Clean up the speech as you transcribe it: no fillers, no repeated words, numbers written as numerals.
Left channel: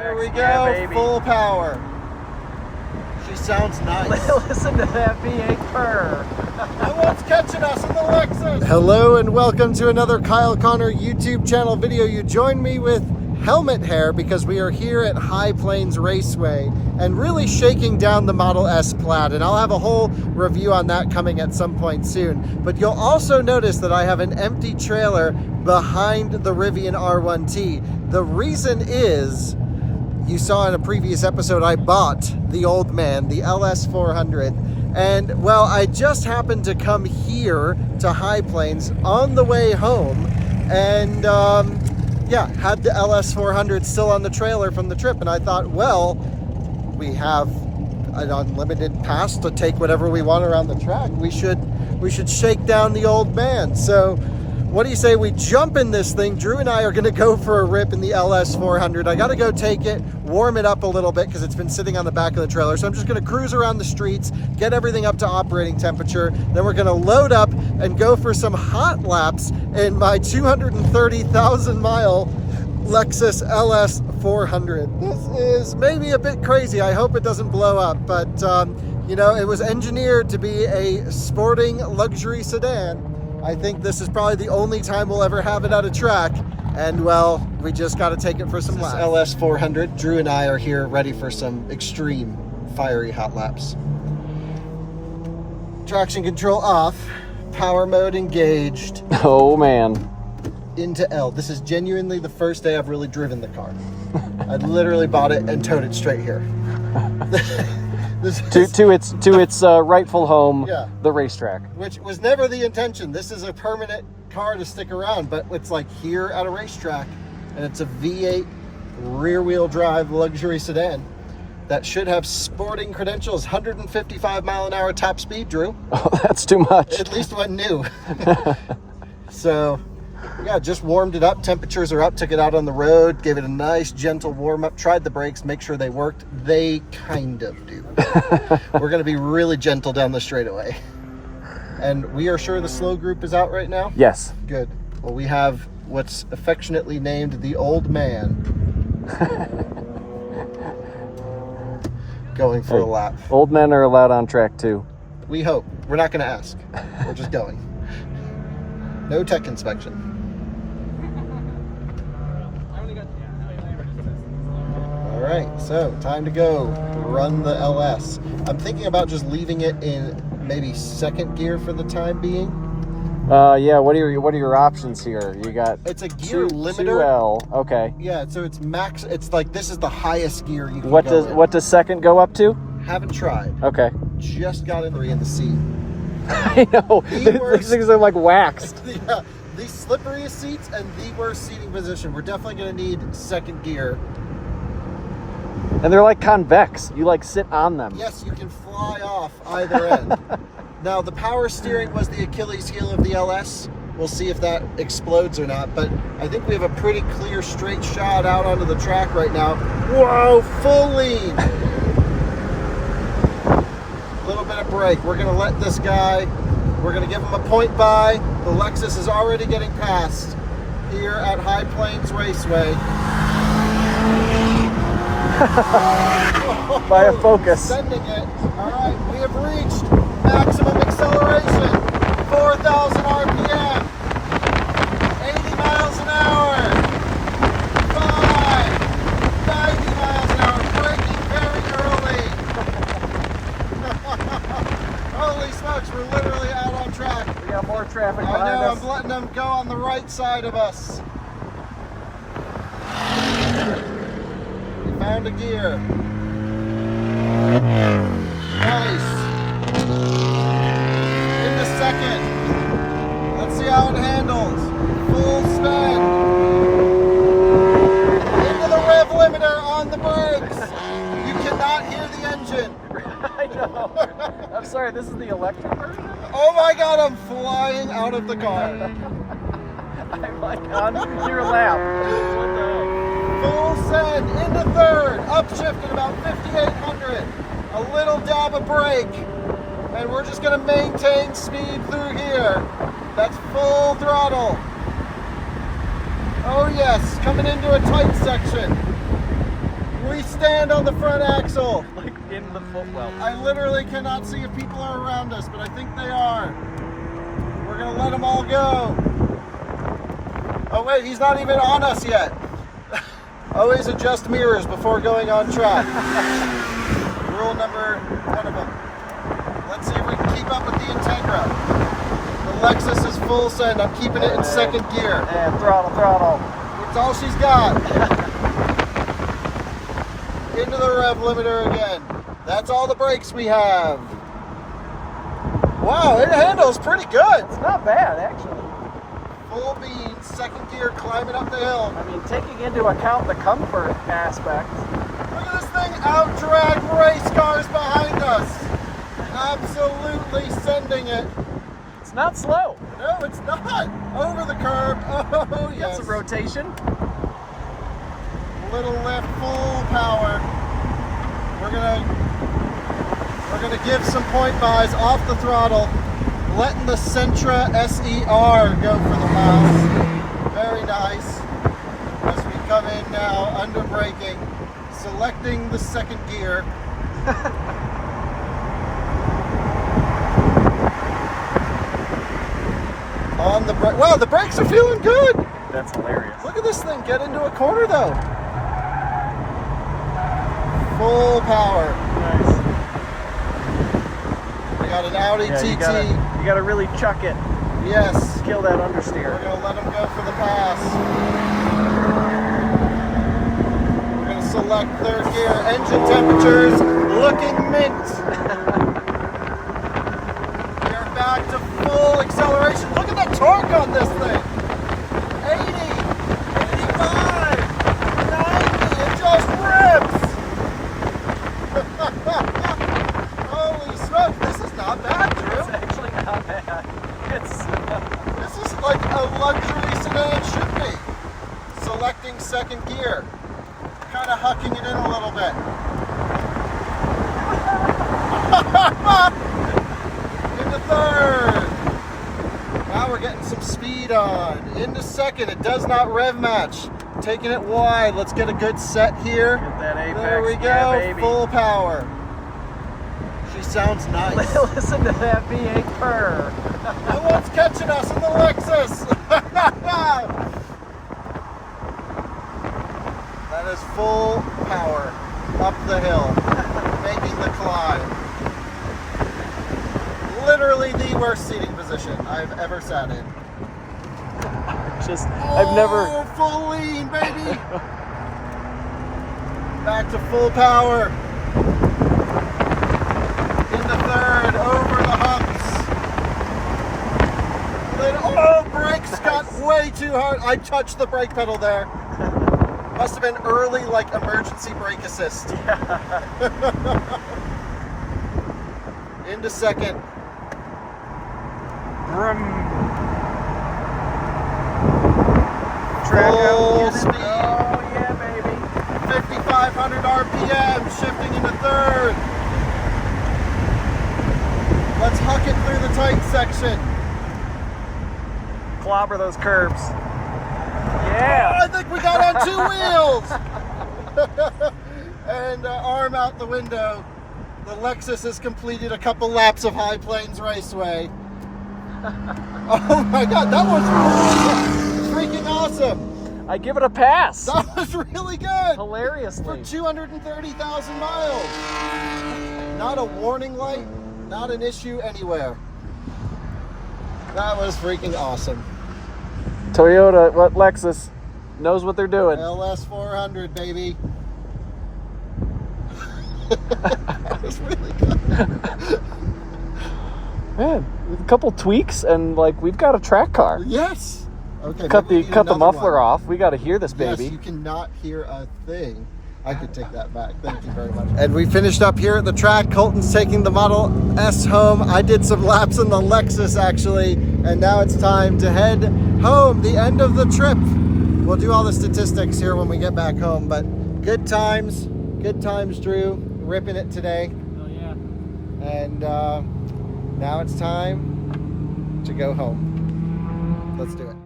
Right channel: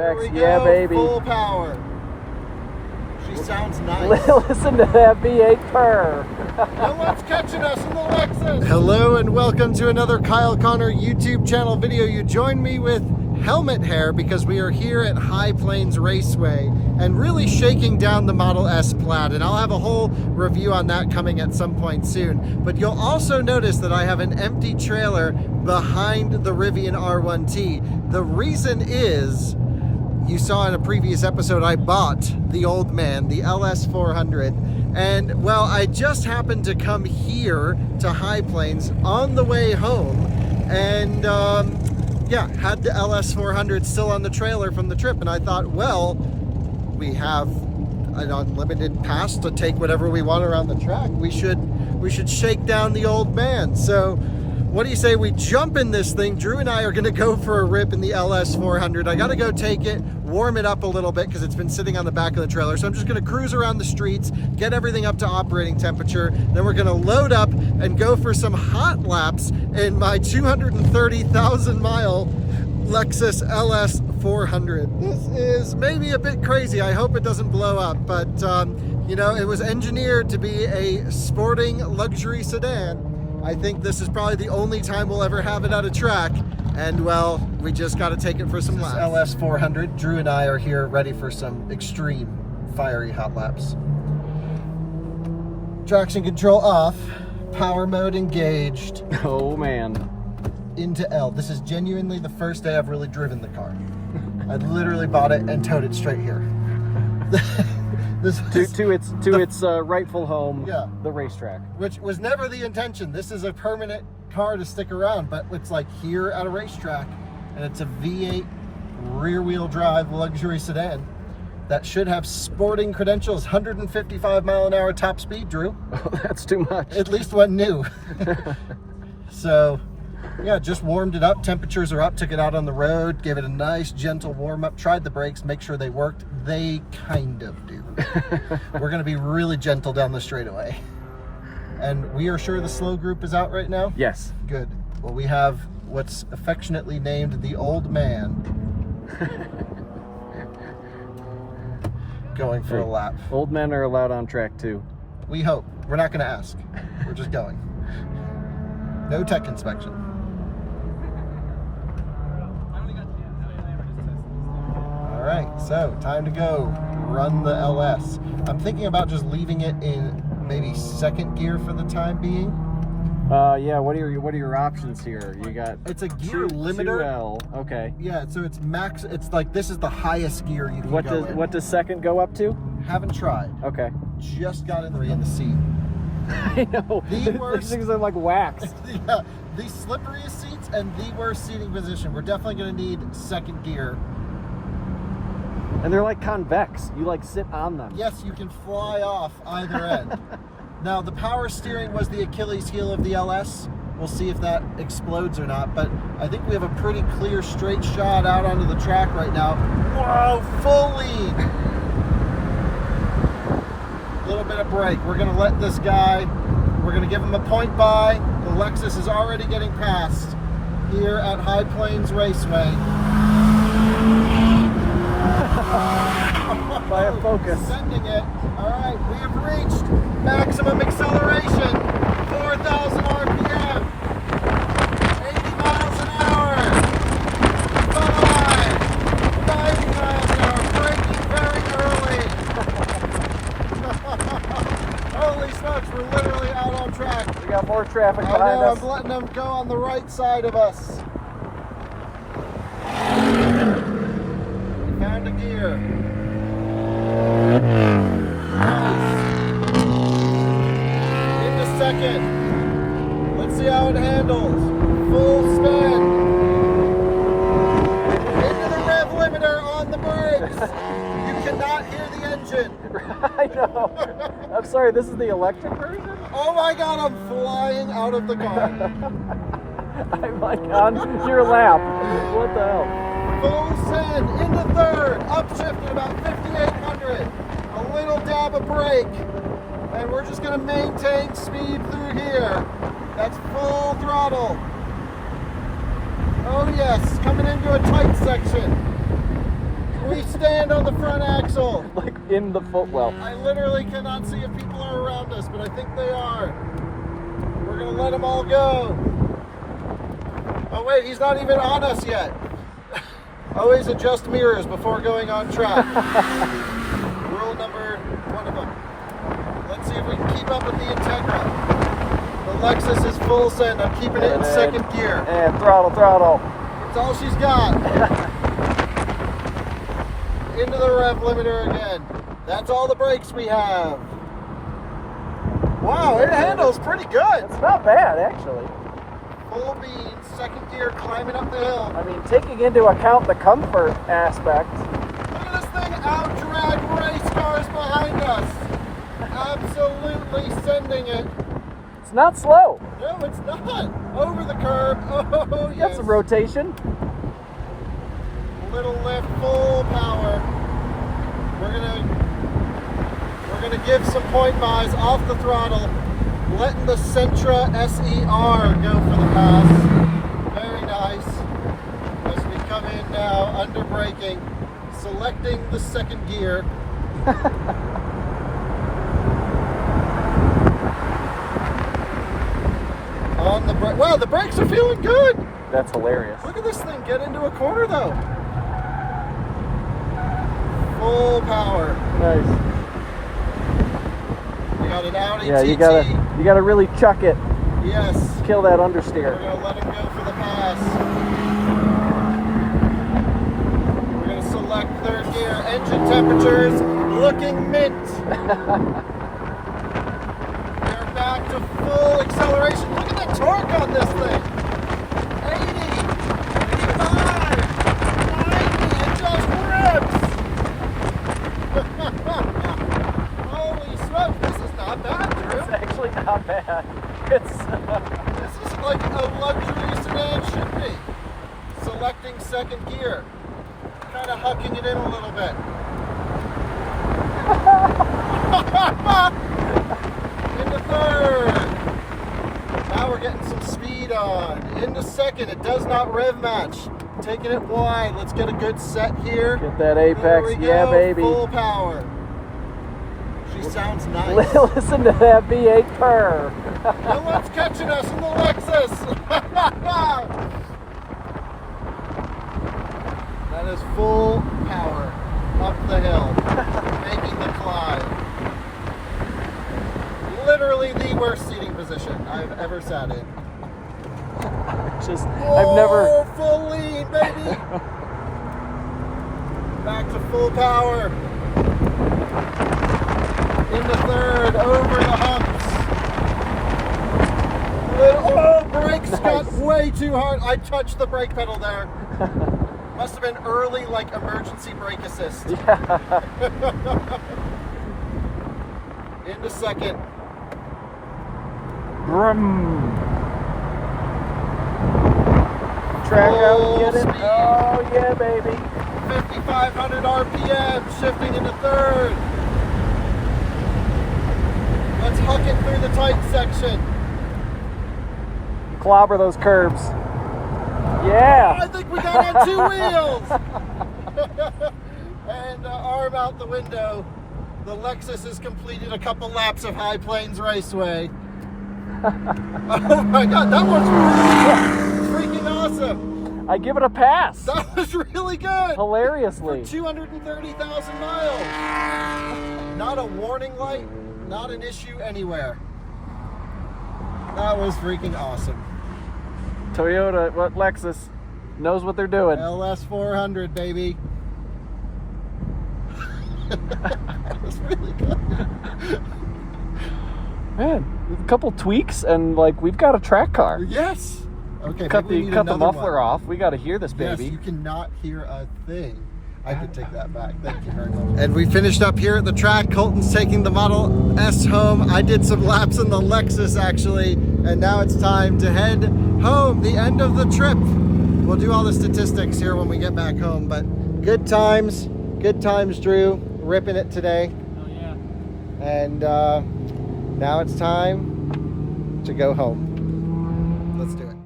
Tracks, Here we yeah, go, baby. full power. She sounds nice. Listen to that V8 purr. No one's catching us in the Lexus. Hello and welcome to another Kyle Connor YouTube channel video. You join me with helmet hair because we are here at High Plains Raceway and really shaking down the Model S Plaid, and I'll have a whole review on that coming at some point soon. But you'll also notice that I have an empty trailer behind the Rivian R1T. The reason is, you saw in a previous episode, I bought the old man, the LS400, and well, I just happened to come here to High Plains on the way home, and yeah, had the LS400 still on the trailer from the trip, and I thought, well, we have an unlimited pass to take whatever we want around the track. We should shake down the old man. So what do you say we jump in this thing? Drew and I are gonna go for a rip in the LS400. I gotta go take it, warm it up a little bit because it's been sitting on the back of the trailer. So I'm just gonna cruise around the streets, get everything up to operating temperature. Then we're gonna load up and go for some hot laps in my 230,000 mile Lexus LS400. This is maybe a bit crazy. I hope it doesn't blow up, but you know, it was engineered to be a sporting luxury sedan. I think this is probably the only time we'll ever have it at a track, and well, we just got to take it for some laps. LS400, Drew and I are here ready for some extreme fiery hot laps. Traction control off, power mode engaged. Oh man. Into L. This is genuinely the first day I've really driven the car. I literally bought it and towed it straight here. To its rightful home, yeah, the racetrack. Which was never the intention. This is a permanent car to stick around, but it's like here at a racetrack, and it's a V8 rear-wheel drive luxury sedan that should have sporting credentials. 155 mile an hour top speed, Drew. Oh, that's too much. At least what new. So yeah, just warmed it up. Temperatures are up. Took it out on the road, gave it a nice gentle warm up, tried the brakes, make sure they worked. They kind of do. We're going to be really gentle down the straightaway. And we are sure the slow group is out right now? Yes. Good. Well, we have what's affectionately named the old man going for a lap. Old men are allowed on track too. We hope. We're not going to ask. We're just going. No tech inspection. All right, so time to go run the LS. I'm thinking about just leaving it in maybe second gear for the time being. Yeah. What are your options here? You got it's a gear limiter. 2L. Okay. Yeah, so it's max. It's like this is the highest gear you can What go does in. What does second go up to? Haven't tried. Okay. Just got in the seat. I know. These things are like waxed. Yeah, the slipperiest seats and the worst seating position. We're definitely going to need second gear. And they're like convex. You like sit on them. Yes, you can fly off either end. Now, the power steering was the Achilles heel of the LS. We'll see if that explodes or not, but I think we have a pretty clear straight shot out onto the track right now. Whoa, full lead. Little bit of brake. We're going to let this guy, we're going to give him a point by. The Lexus is already getting passed here at High Plains Raceway. By a Focus. Sending it. All right, we have reached maximum acceleration, 4,000 RPM, 80 miles an hour, 90 miles an hour, braking very early. Holy smokes, we're literally out on track. We got more traffic behind I know, us. I'm letting them go on the right side of us. Found a gear. Nice. Into second. Let's see how it handles. Full spin. Into the rev limiter on the brakes. You cannot hear the engine. I know. I'm sorry, this is the electric version? Oh my god, I'm flying out of the car. I'm like on your lap. What the hell? Full send into third, upshifted about 5,800. A little dab of brake, and we're just going to maintain speed through here. That's full throttle. Oh yes, coming into a tight section. stand on the front axle. Like in the footwell. I literally cannot see if people are around us, but I think they are. We're gonna let them all go. Oh wait, he's not even on us yet. Always adjust mirrors before going on track. Rule number one of them. Let's see if we can keep up with the Integra. The Lexus is full send. I'm keeping it in second gear. And throttle. It's all she's got. Into the rev limiter again. That's all the brakes we have. Wow, it handles pretty good. It's not bad, actually. Full beans, second gear, climbing up the hill. I mean, taking into account the comfort aspect. Look at this thing out-drag race cars behind us. Absolutely sending it. It's not slow. No, it's not. Over the curb. Oh, yes. That's a rotation. Little lift, full power. We're gonna give some point buys off the throttle, letting the Sentra SER go for the pass. Very nice. As we come in now, under braking, selecting the second gear. On the wow, the brakes are feeling good. That's hilarious. Look at this thing get into a corner though. Full power. Nice. We got an Audi Yeah, TT. you gotta really chuck it. Yes. Kill that We're understeer. gonna let him go for the pass. We're gonna select third gear. Engine temperatures looking mint. We're back to full acceleration. Look at the torque on this thing. 80, 85, 90. It just rips. Holy smokes, this is not bad, Drew. It's actually not bad. This is like a luxury sedan should be. Selecting second gear. Kind of hucking it in a little bit. Into third. Now we're getting some speed on. Into second. It does not rev match. Taking it wide. Let's get a good set here. Get that There apex. we go. Yeah, baby. Full power. She sounds nice. Listen to that V8 purr. No one's catching us in the Lexus. That is full power up the hill, making the climb. Literally the worst seating position I've ever sat in. I've never. Oh, full lean, baby. Back to full power. Into third, over the humps. Oh, brakes got way too hard. I touched the brake pedal there. Must have been early, like emergency brake assist. Into second. Vroom. Full speed. Oh, yeah, baby. 5,500 RPM, shifting into third. Let's huck it through the tight section. Clobber those curbs. Yeah. I think we got on 2 wheels. And arm out the window. The Lexus has completed a couple laps of High Plains Raceway. Oh my God, that was freaking awesome. I give it a pass. That was really good. Hilariously. For 230,000 miles. Not a warning light, not an issue anywhere. That was freaking awesome. Toyota, what Lexus knows what they're doing. LS400, baby. That was really good. Man, a couple tweaks and like we've got a track car. Yes. Okay. Cut maybe we need the another muffler one. off. We got to hear this Yes, baby. you cannot hear a thing. I could take that back. Thank you very much. And we finished up here at the track. Colton's taking the Model S home. I did some laps in the Lexus actually, and now it's time to head home. The end of the trip. We'll do all the statistics here when we get back home, but good times, Drew. Ripping it today. Oh yeah. And now it's time to go home. Let's do it.